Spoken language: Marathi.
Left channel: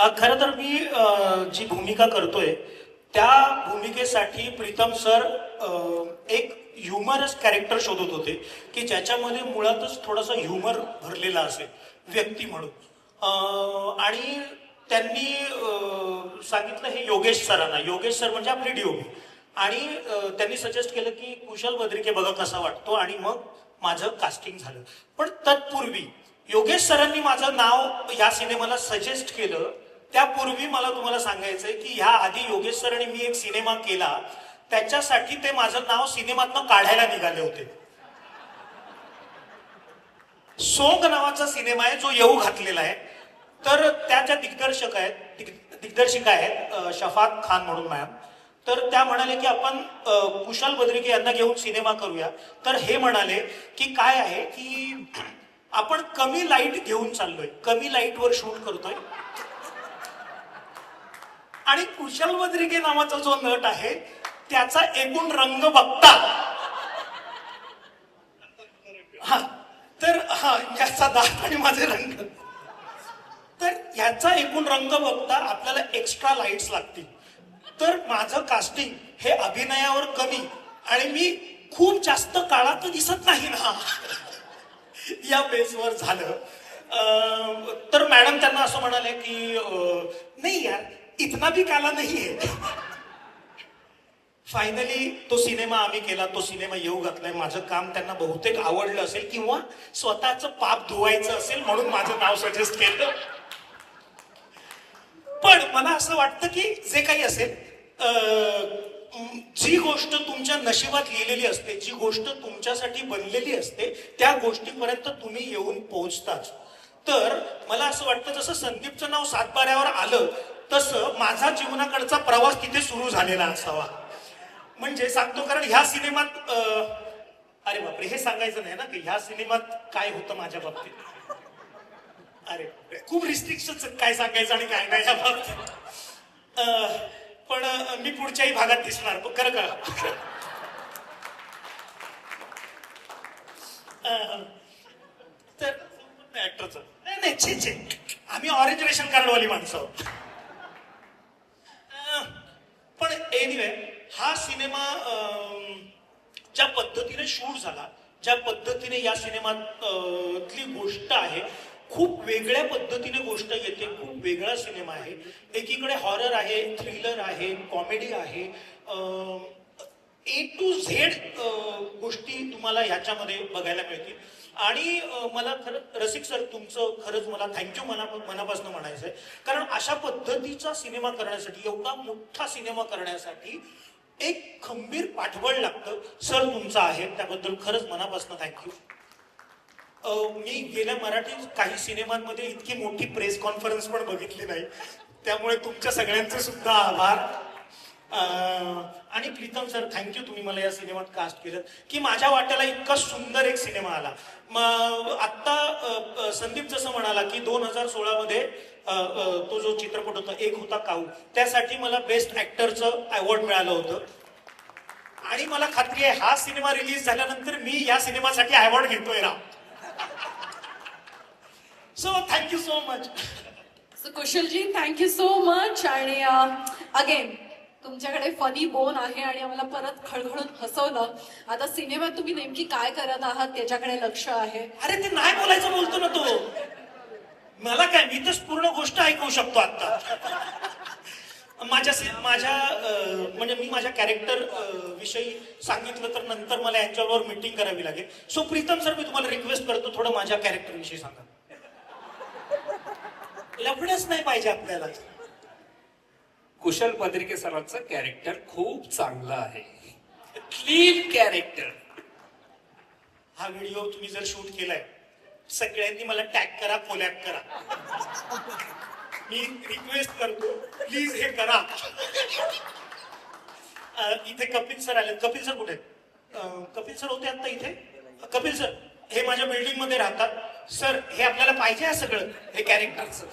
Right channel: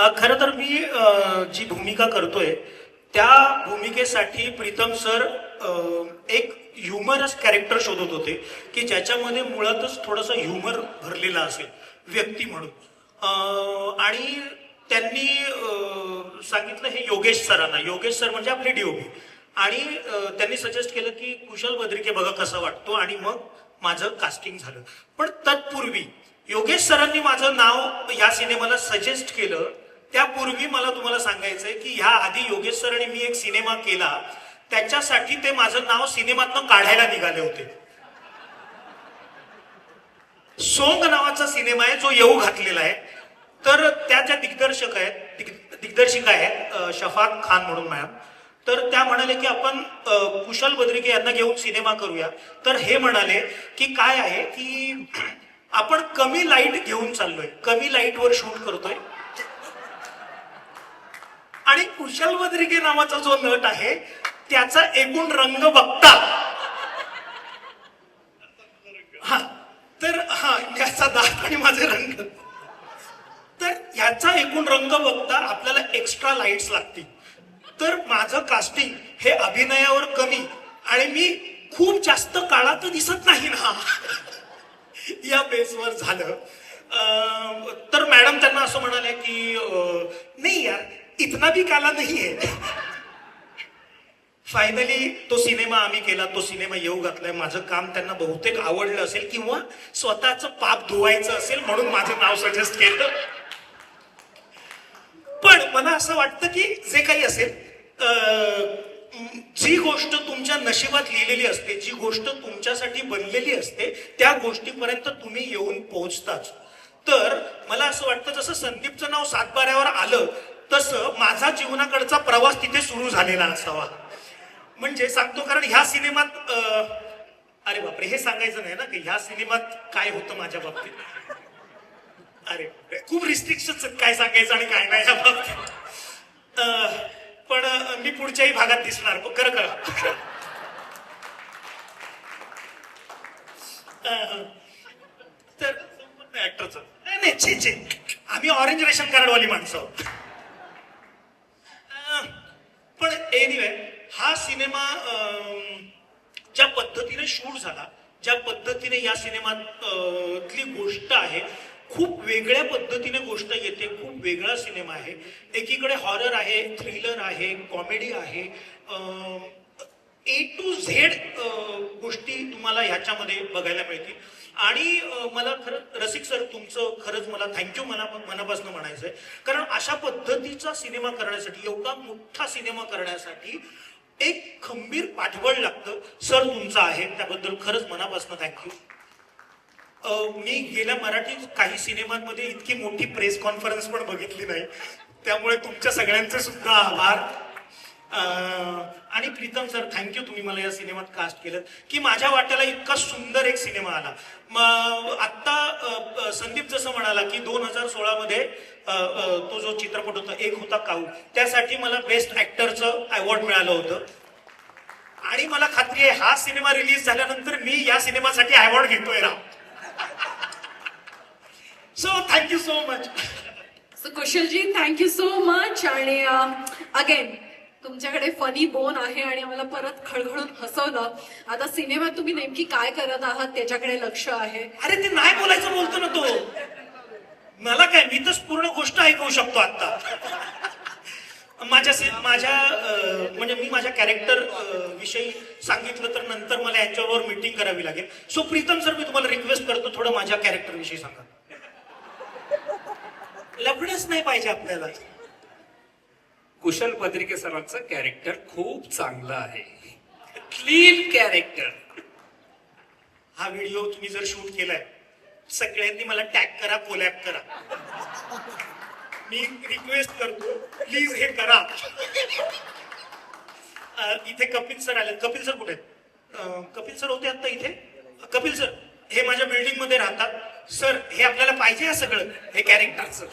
खरं तर मी जी भूमिका करतोय त्या भूमिकेसाठी प्रीतम सर एक ह्युमरस कॅरेक्टर शोधत होते की ज्याच्यामध्ये मुळातच थोडासा ह्युमर भरलेला असेल व्यक्ती म्हणून. आणि त्यांनी सांगितलं हे योगेश सरांना. योगेश सर म्हणजे आपले डीओपी. आणि त्यांनी सजेस्ट केलं की कुशल बद्रिके बघा कसा वाटतो, आणि मग माझं कास्टिंग झालं. पण तत्पूर्वी योगेश सरांनी माझं नाव या सिनेमाला सजेस्ट केलं. त्यापूर्वी मला तुम्हाला सांगायचंय की ह्या आधी योगेश सरांनी मी एक सिनेमा केला, त्याच्यासाठी ते माझं नाव सिनेमातनं काढायला निघाले होते. सोंग नावाचा सिनेमा आहे जो येऊ घातलेला आहे. तर त्या ज्या दिग्दर्शिका आहेत शफाक खान म्हणून मॅम, तर त्या म्हणाले की आपण कुशल बद्रिके यांना घेऊन सिनेमा करूया. तर हे म्हणाले की काय आहे की आपण कमी लाईट घेऊन चाललोय, कमी लाईटवर शूट करतोय, आणि कुशल बद्रिके नावाचा जो नट आहे त्याचा एकूण रंग बघता हा तर याचा दात आणि माझे रंग, तर ह्याचा एकूण रंग बघता आपल्याला एक्स्ट्रा लाईट्स लागतील. तर माझं कास्टिंग हे अभिनयावर कमी आणि मी खूप जास्त काळात दिसत नाही ना या बेसवर झालं. तर मॅडम त्यांना असं म्हणाले की नाही यार इतना भी काला नाही आहे. फायनली तो सिनेमा आम्ही केला, तो सिनेमा येऊ घातलाय. माझं काम त्यांना बहुतेक आवडलं असेल किंवा स्वतःचं पाप धुवायचं असेल म्हणून माझं नाव सजेस्ट केलं. पण मला असं वाटतं की जे काही असेल, जी गोष्ट तुमच्या नशिबात लिहिलेली असते, जी गोष्ट तुमच्यासाठी बनलेली असते, त्या गोष्टीपर्यंत तुम्ही येऊन पोहोचताच. तर मला असं वाटतं जसं संदीपचं नाव सातबाऱ्यावर आलं तसं माझा जीवनाकडचा प्रवास तिथे सुरू झालेला असावा. म्हणजे सांगतो कारण ह्या सिनेमात अरे बापरे हे सांगायचं नाही ना की ह्या सिनेमात काय होतं माझ्या बाबतीत. अरे खूप रिस्ट्रिक्शन काय सांगायचं आणि काय नाही या बाबतीत. पण मी पुढच्याही भागात दिसणार खरं करा. तर ऍक्टरचं नाही छे आम्ही ऑरेंज रेशन कार्डवाली माणसं. पण एनिवे हा सिनेमा ज्या पद्धतीने शूट झाला, ज्या पद्धतीने या सिनेमातली गोष्ट आहे, खूप वेगळ्या पद्धतीने गोष्ट येते. खूप वेगळा सिनेमा आहे. एकीकडे हॉरर आहे, थ्रिलर आहे, कॉमेडी आहे, A to Z गोष्टी तुम्हाला ह्याच्यामध्ये बघायला मिळतील. आणि मला खरं रसिक सर तुमचं खरंच मला थँक्यू मनापासून म्हणायचं आहे. कारण अशा पद्धतीचा सिनेमा करण्यासाठी, एवढा मोठा सिनेमा करण्यासाठी एक खंबीर पाठबळ लागतं. सर तुमचं आहे त्याबद्दल खरंच मनापासून थँक्यू. मी गेल्या मराठी काही सिनेमांमध्ये इतकी मोठी प्रेस कॉन्फरन्स पण बघितली नाही, त्यामुळे तुमच्या सगळ्यांचे सुद्धा आभार. आणि प्रीतम सर थँक्यू, तुम्ही मला या सिनेमात कास्ट केलं की माझ्या वाट्याला इतका सुंदर एक सिनेमा आला. आत्ता संदीप जसं म्हणाला की 2016 मध्ये तो जो चित्रपट होता एक होता काऊ, त्यासाठी मला बेस्ट ऍक्टरचं अवॉर्ड मिळालं होतं. आणि मला खात्री आहे हा सिनेमा रिलीज झाल्यानंतर मी या सिनेमासाठी अवॉर्ड घेतोय ना. So thank you so much. So Kushalji thank you so much. आणि अगेन तुमच्याकडे फनी बोन आहे आणि आम्हाला परत खळखळून हसवलं. आता सिनेमात तुम्ही नेमकी काय करत आहात त्याच्याकडे लक्ष आहे. अरे ते नाही बोलायचं बोलतो ना तो. मला काय, मी तर पूर्ण गोष्ट ऐकवू शकतो आता. म्हणजे मी माझ्या कॅरेक्टर विषयी सांगितलं तर नंतर मला यांच्याबरोबर मीटिंग करावी लागेल. सो प्रीतम सर मी तुम्हाला रिक्वेस्ट करतो थोडं माझ्या कॅरेक्टर विषयी सांगा. लफडच नाही पाहिजे आपल्याला. कुशल बद्रिके सरांचं कॅरेक्टर खूप चांगलं आहे, क्लीन कॅरेक्टर. हा व्हिडिओ तुम्ही जर शूट केलाय सगळ्यांनी मला टॅग करा, कोलॅब करा. मी रिक्वेस्ट करतो प्लीज हे करा. इथे कपिल सर आले. कपिल सर कुठे आहेत? कपिल सर होते आता इथे. कपिल सर हे माझ्या बिल्डिंग मध्ये राहतात. सर हे आपल्याला पाहिजे आहे सगळं हे कॅरेक्टरचं.